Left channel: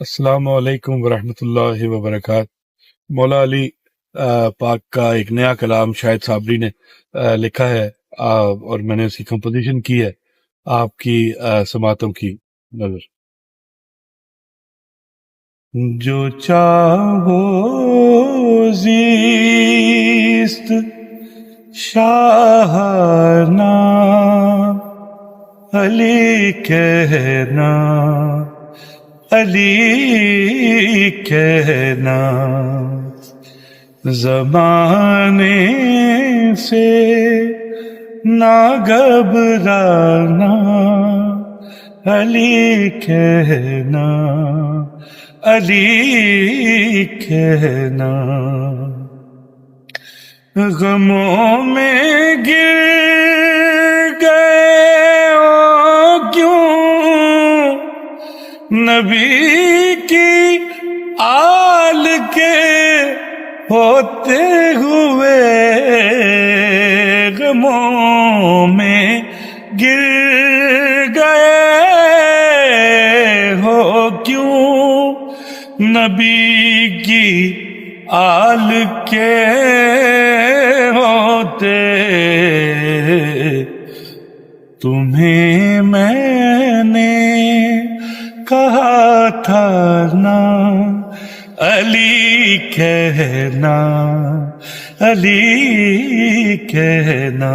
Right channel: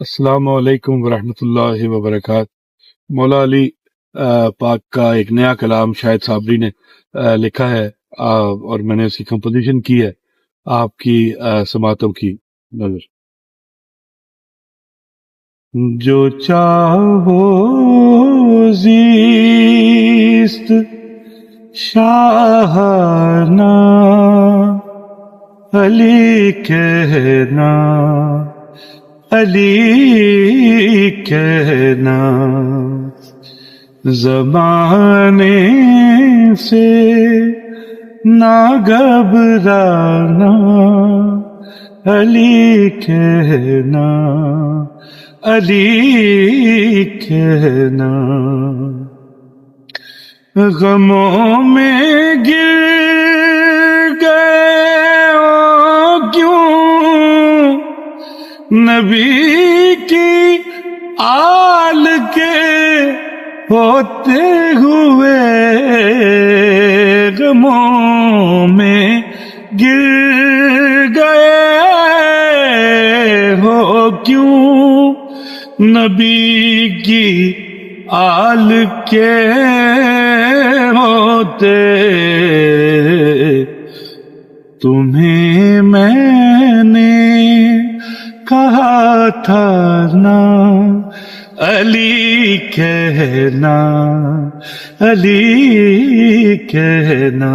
السلام علیکم ورحمۃ اللہ وبرکاتہ۔ مولا علی پاک کا ایک نیا کلام شاہد صابری نے لکھا ہے، اور میں نے اس کی کمپوزیشن کی ہے آپ کی سماعتوں کی نظر۔ جو چاہو زیست شاہانہ علی کہنا، علی کہنا، زمانے سے نہ گھبرانا، علی کہنا، علی کہنا، غموں میں گر گئے ہو کیوں، نبی کی آل کے ہوتے ہوئے، غموں میں گر گئے ہو کیوں، نبی کی آل کے ہوتے، تمہیں میں نے کہا تھا نا، علی کہنا، علی کہنا۔